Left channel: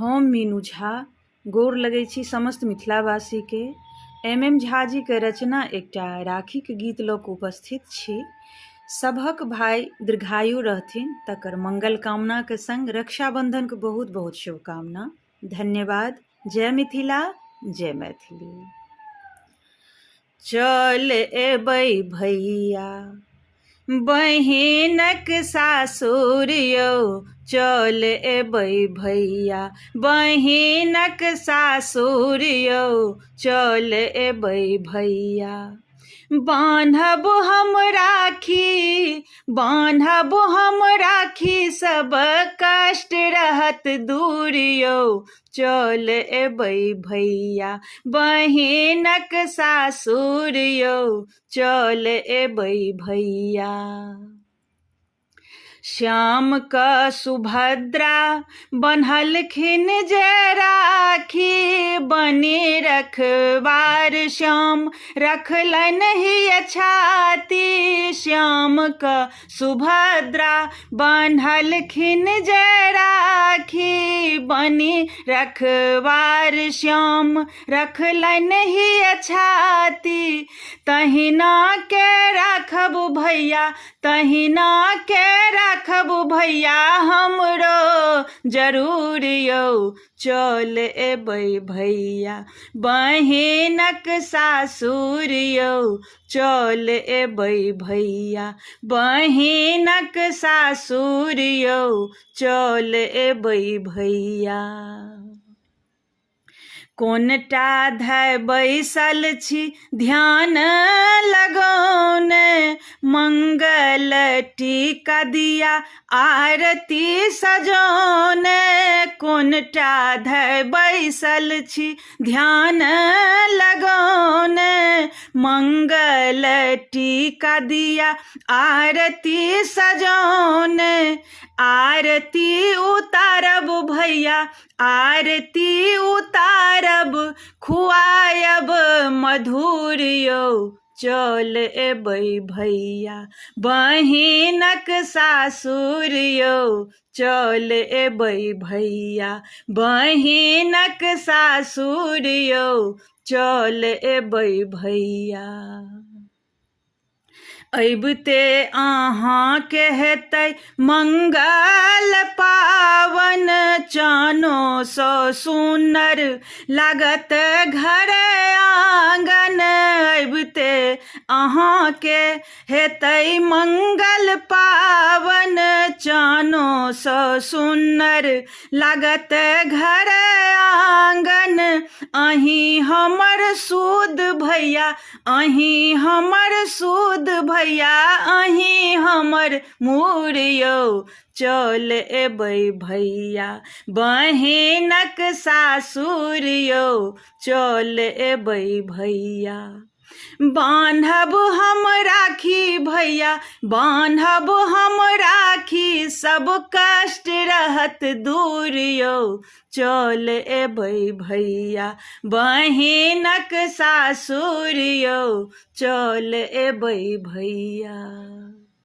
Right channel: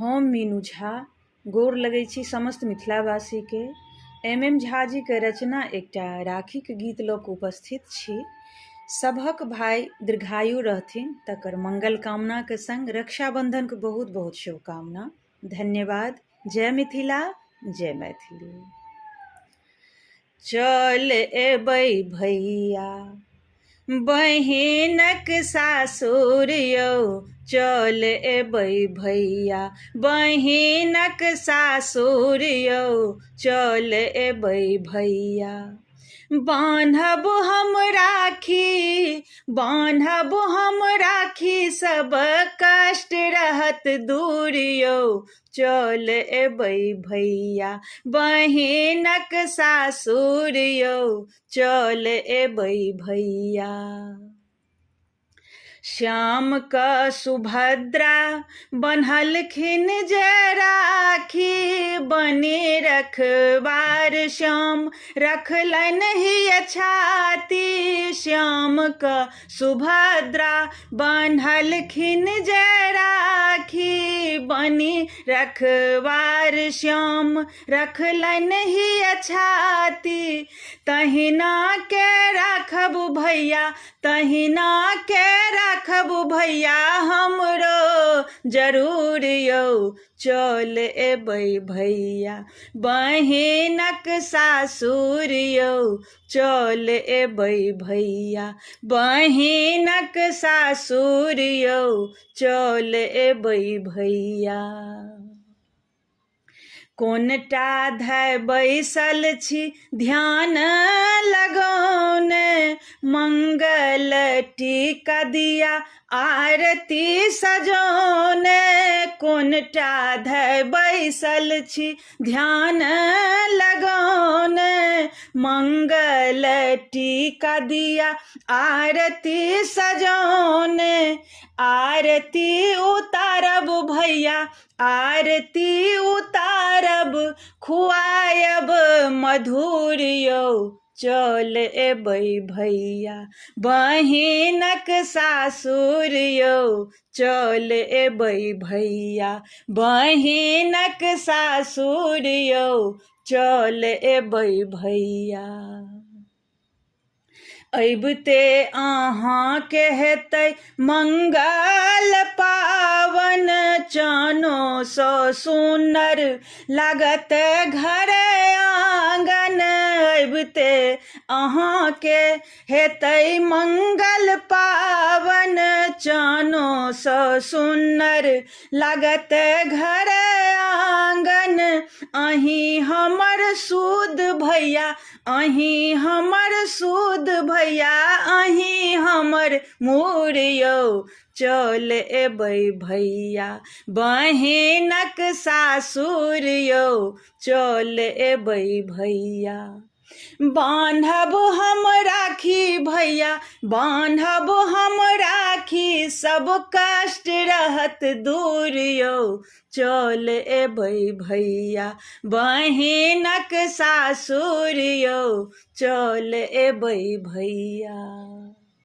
हम मीनू झा गोर लगै छी समस्त मिथिलावासी के। एम झा जी के रचना एकटा राखी के गीत लऽ कऽ उपस्थित छी। सभक भाई दीर्घायु रहथिन तकर मंगल कामना के संग रक्षाबंधन के बहुत बहुत शुभकामना। धन्यवाद। जय मिथिला, जय मैथिली। चल एबै भैया बहिनक सासुर यौ, चल एबै भैया बहिनक सासुर यौ, चल एबै भैया। बान्हब हम राखी, बान्हब हम राखी, सब कष्ट रहत दूर यौ, चल एबै भैया बहिनक सासुर यौ, चल एबै भैया। श्याम का सुभद्रा बन्हलखिन जे राखी, बने रखवार श्याम रखलन ही छाती। श्याम का सुभद्रा बन्हलखिन जे राखी, बने रखवार श्याम रखलन ही छाती। तहिना के राखब भैया, तहिना के राखब भैया हमरो जरूर यौ, चल एबै भैया बहिनक सासुर यौ, चल एबै भैया बहिनक सासुर यौ, चल एबै भैया। कोनटा धै बैसल छी ध्यान लगौने, मंगल टीका दिया आरती सजौने। कोनटा धै बैसल छी ध्यान लगौने, मंगल टीका दिया आरती सजौने। आरती उतारब भैया, आरती उतारब, खुआयब मधुर यौ, चल एबै भैया बहिनक सासुर यौ, चल एबै भैया बहिनक सासुर यौ, चल एबै भैया। अबिते अहाँके हेतै मंगल पावन, चानो सो सुन्दर लागत घर आंगन। अबिते अहाँके हेतै मंगल पावन, चानो सो सुन्दर लागत घर आंगन। अहीं हमर सूद भैया, अहीं हमर सूद भैया, अहीं हमर मूर यौ, चल एबै भैया बहिनक सासुर यौ, चल एबै भैया। बान्हब हम राखी भैया, बान्हब हम राखी, सब कष्ट रहत दूर यौ, चल एबै भैया बहिनक सासुर यौ, चल एबै भैया।